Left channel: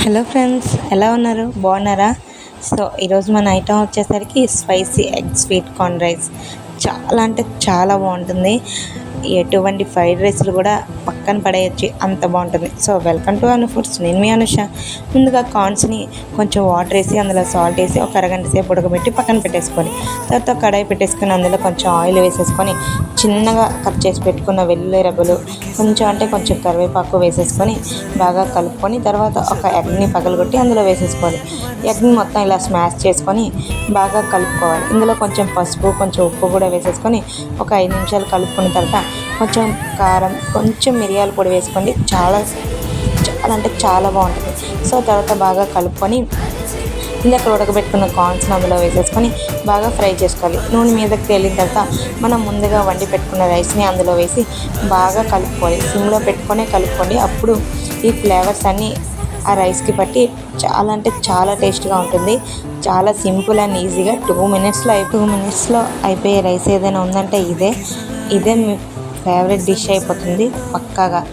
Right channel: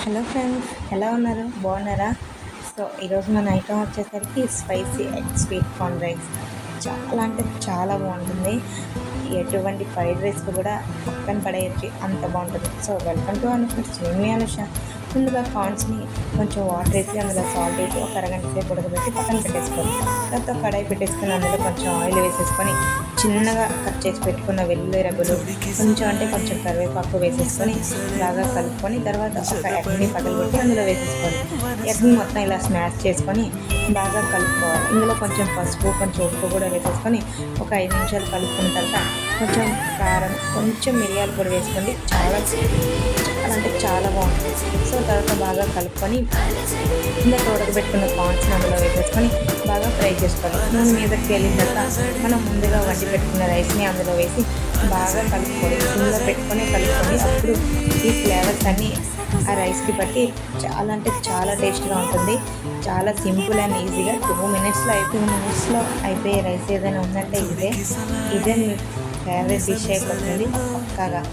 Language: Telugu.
హలో ఫ్రెండ్స్ ఎలా ఉన్నారు? బాగున్నారా? సో ఈరోజు మన ఐటమ్ వచ్చేసరికి spicy egg sweet corn rice. చాలా అంటే చాలా బాగుంటుంది. ఎటువంటి ఫ్రైడ్ రైస్లు కూడా పక్కన పడేయచ్చు. అంత బాగుంటుంది. So welcome to Anu foods. నేను మీ అనుష. ముందుగా కార్న్స్ని కొంచెం వాటర్ వేసి అందులో సాల్ట్ వేసి ఒక అరగంట సేపు ఉడకబెట్టి పక్కన పెట్టేసుకొని తర్వాత కడాయి పెట్టేసుకొని అందులో కొంచెం ఆయిల్ వేసేసుకొని చిన్నగా కట్ చేసి పెట్టుకున్న వెల్లుల్లి రెబ్బలు కొంచెం అంటే కొంచెం కరివేపాకు వేసేసుకొని బాగా కలుపుకొని తర్వాత ఒక ఎగ్ని పగలగొట్టి అందులో వేసేసుకోవాలి. ఎగ్ని మొత్తం ఇలా స్మాష్ చేసుకొని బాగా కలుపుకోవాలి. ఇందులో కొంచెం పసుపు కొంచెం ఉప్పు కూడా వేసేసుకొని ఒక ఐదు నిమిషాలు కలుపుకున్న తర్వాత కొంచెం కారం కొంచెం మిరియాల పొడి వేసుకోండి. చాలా చాలా అంటే చాలా బాగుంటుంది. సో తర్వాత బాగా కలుపుకొని ఇందాక ఉడకబెట్టుకున్న కార్న్స్ని అందులో వేసేసుకొని బాగా ఫ్రై చేసుకోవాలి. నూనె మీదకి తేలిన తర్వాత మనం ముందుగా వండి పెట్టుకున్న రైస్ని అందులో వేసి బాగా కలుపుకోవాలి. సిమ్లో పెట్టుకొని కలుపుకోండి. అప్పుడు ఈ ఫ్లేవర్స్ అన్నీ ఆ రైస్కి పట్టి చాలా అంటే చాలా టేస్ట్గా ఉంటుంది. చాలా సింపుల్ అండ్ ఈజీగా టూ మినిట్స్లో అయి టూ మినిట్స్లో అయిపోయే రైస్ ఏదైనా ఉందంటే ఇదే. ఇదే మీ ఫేవరెట్ డిష్ అయిపోతుంది. పక్కాగా.